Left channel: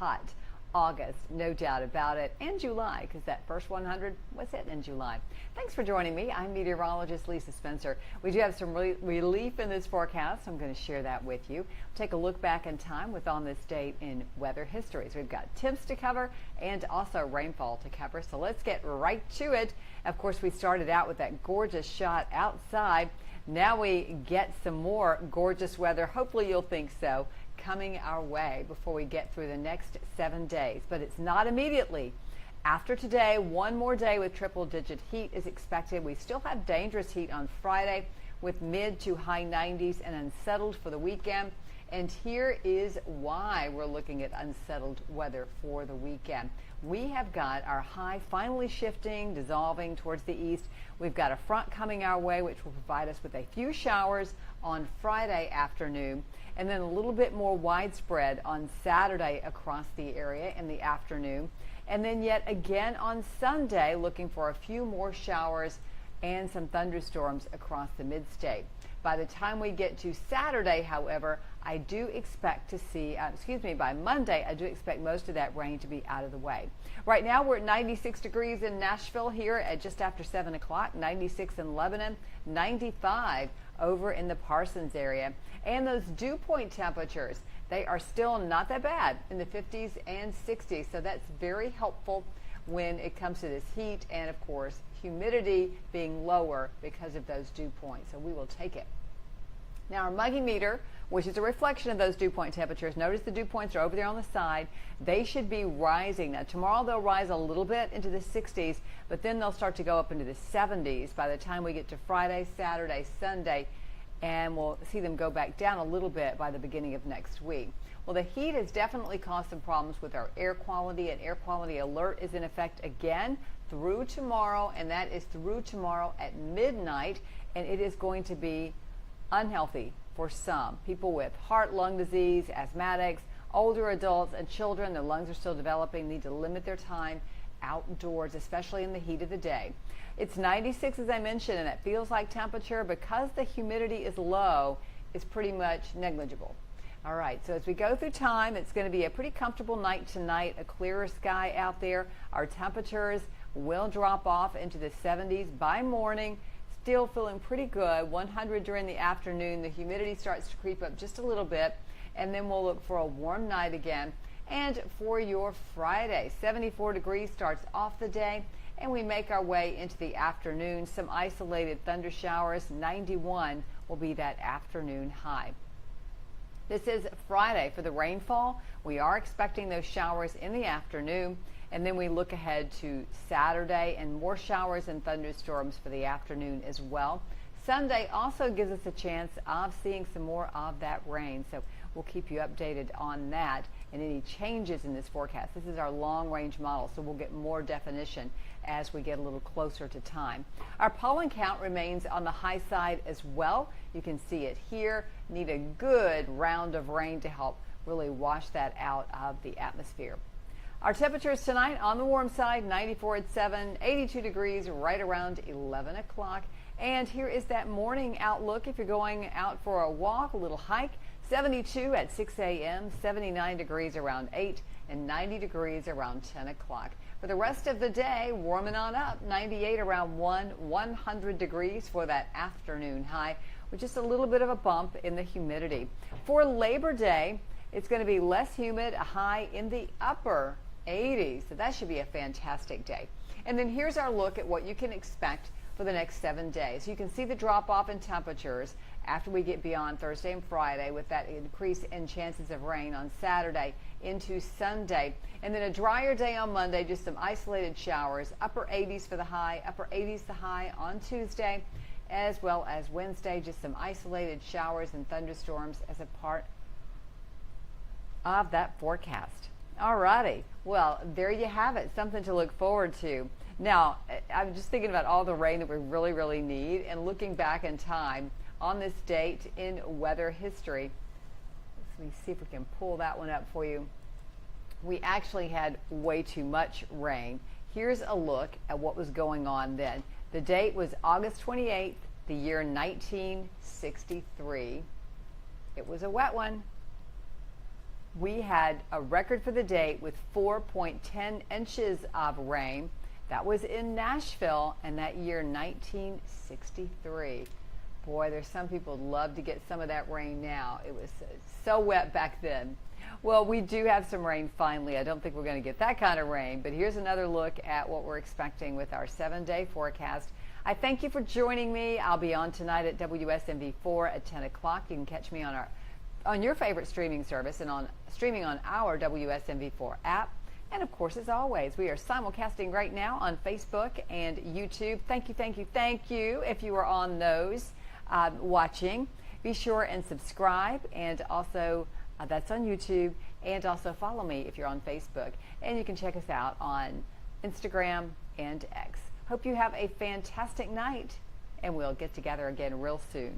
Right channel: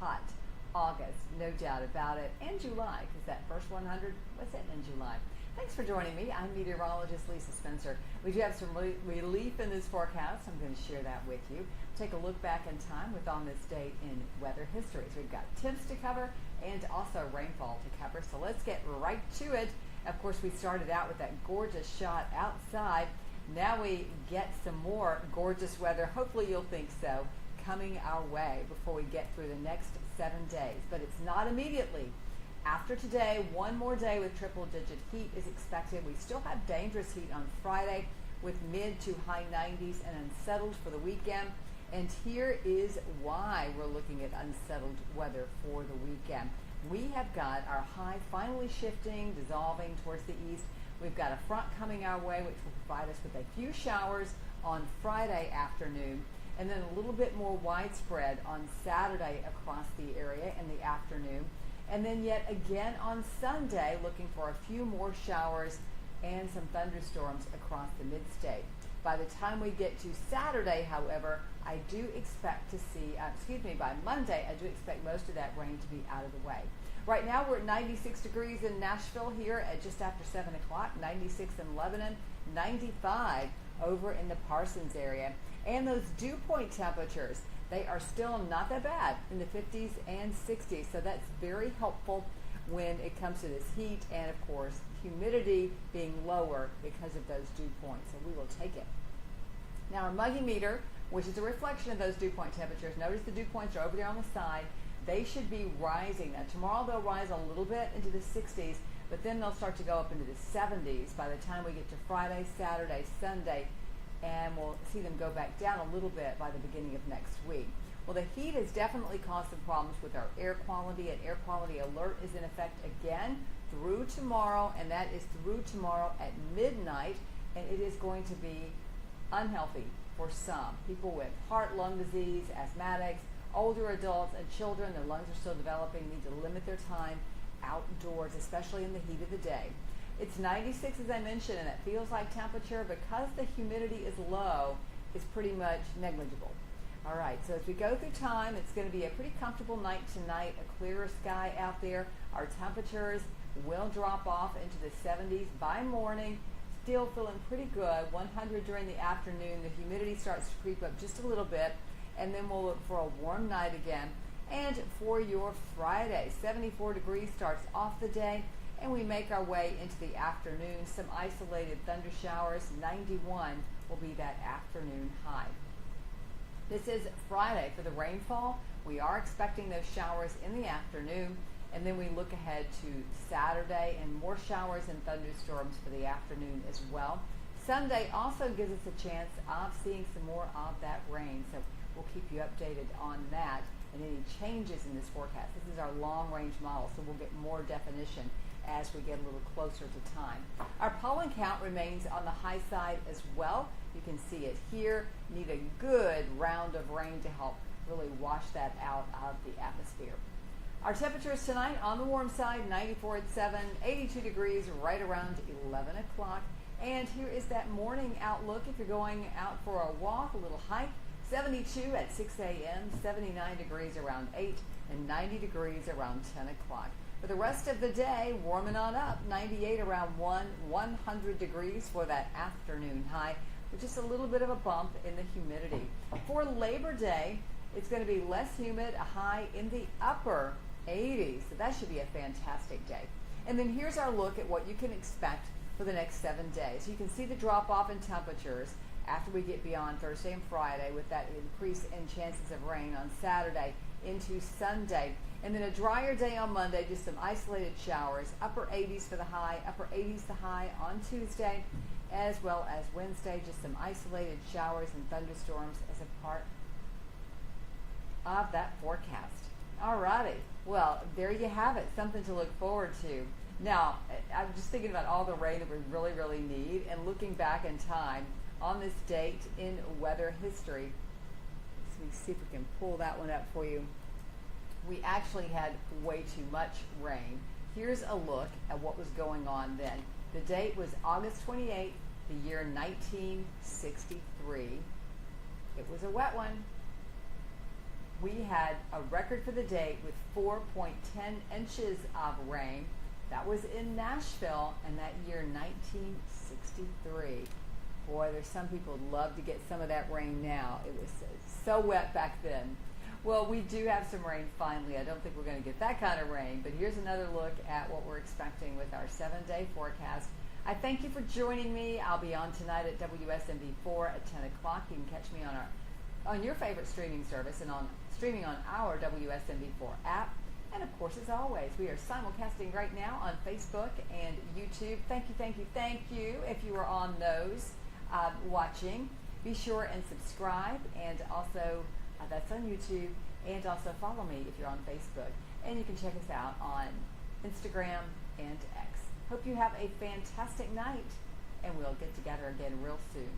hot August, no doubt about it, and July, because that first 100 was hit in July. Thanks for joining me. I'm meteorologist Lisa Spencer. We do have some relief in this forecast. I'm going to share that with you. Take a look back in time with on this date in weather history. So we've got temps to cover and also rainfall to cover. So let's get right to it. Of course, we started out with that gorgeous shot outside. Now we get some more gorgeous weather. Hopefully you'll think so, coming our way before we get through the next 7 days. But it's not immediately. After today, one more day with triple-digit heat is expected. We still have dangerous heat on Friday with mid to high 90s and unsettled for the weekend. And here is why we're looking at unsettled weather for the weekend. We have got our high finally shifting, dissolving towards the east. We've got a front coming our way, which will provide us with a few showers on Friday afternoon, and then a little bit more widespread on Saturday across the area in the afternoon. And then yet again on Sunday, looking for a few more showers and some thunderstorms across the mid-state. By the time we get to Saturday, however, I do expect to see, by Monday, I do expect most of that rain to be out of the way. Right now, we're at 96 degrees in Nashville here at just after 7 o'clock, 96 in Lebanon, 95 over in the Parsons area. And those dew point temperatures, they are still not that bad in the 50s and 60s. So that's very helpful when it comes to this heat and, of course, humidity being lower because of those dew points. So we will take it. Now, our muggy meter, which is a reflection of those dew point temperatures, notice the dew points are over there on the side. They should be rising. Now, tomorrow they'll rise a little bit into the 60s, but then they'll start to go up into the 70s by the time we get to Friday, Saturday, Sunday, and we'll see them go back down a little bit by the beginning of next week. Well, the heat has definitely caused some problems with our air quality. An air quality alert is in effect again through tomorrow, and that is through tomorrow at midnight, and it is going to be unhealthy for some. People with heart, lung disease, asthmatics, older adults, and children, their lungs are still developing, need to limit their time outdoors, especially in the heat of the day. It's 96, as I mentioned, and it feels like temperature, because the humidity is low, is pretty much negligible. All right, so as we go through time, it's going to be a pretty comfortable night tonight, a clearer sky out there. Our temperatures will drop off into the 70s by morning. Still feeling pretty good. 100 during the afternoon. The humidity starts to creep up just a little bit, and then we'll look for a warm night again. And for your Friday, 74 degrees starts off the day, and we make our way into the afternoon. Some isolated thunder showers. 91 will be that afternoon high. This is Friday for the rainfall. We are expecting those showers in the afternoon, and then we look ahead to Saturday and more showers and thunderstorms for the afternoon as well. Sunday also gives us a chance of seeing some more of that rain, so we'll keep you updated on that and any changes in this forecast. This is our long-range model, so we'll get more definition as we get a little closer to time. Our pollen count remains on the high side as well. You can see it here. Need a good round of rain to help really wash that out of the atmosphere. Our temperatures tonight on the warm side, 94 at 7, 82 degrees right around 11 o'clock. And here is that morning outlook if you're going out for a walk, a little hike. 72 at 6 a.m., 79 degrees around 8, and 90 degrees around 10 o'clock. For the rest of the day, warming on up, 98 around 100 degrees for that afternoon high, with just a little bit of a bump in the humidity. For Labor Day, it's going to be less humid, a high in the upper 80s, so that should be a fantastic day. And then here's our look at what you can expect for the next 7 days. You can see the drop-off in temperatures after we get beyond Thursday and Friday with that increase in chances of rain on Saturday into Sunday. And then a drier day on Monday, just some isolated showers, upper 80s for the high, upper 80s the high on Tuesday, as well as Wednesday, just some isolated showers and thunderstorms as a part of that forecast. All righty. Well, there you have it, something to look forward to. Now, I'm just thinking about all the rain that we really, really need, and looking back in time on this date in weather history. Let me see if we can pull that one up for you. We actually had way too much rain. Here's a look at what was going on then. The date was August 28th, the year 1963. It was a wet one. we had a record for the day with 4.10 inches of rain. That was in Nashville, and that year 1963. Boy, there's some people who'd love to get some of that rain now. It was so wet back then. Well, we do have some rain finally. I don't think we're going to get that kind of rain, but here's another look at what we're expecting with our 7-day forecast. I thank you for joining me. I'll be on tonight at WSMV4 at 10 o'clock. You can catch me on your favorite streaming service and streaming on our WSMV4 app. And of course, as always, we are simulcasting right now on Facebook and YouTube. Thank you, thank you, thank you if you are on those watching. Be sure and subscribe, and also that's on YouTube, and also follow me if you're on Facebook. And you can check us out on Instagram and X. Hope you have a fantastic night, and we'll get together again real soon.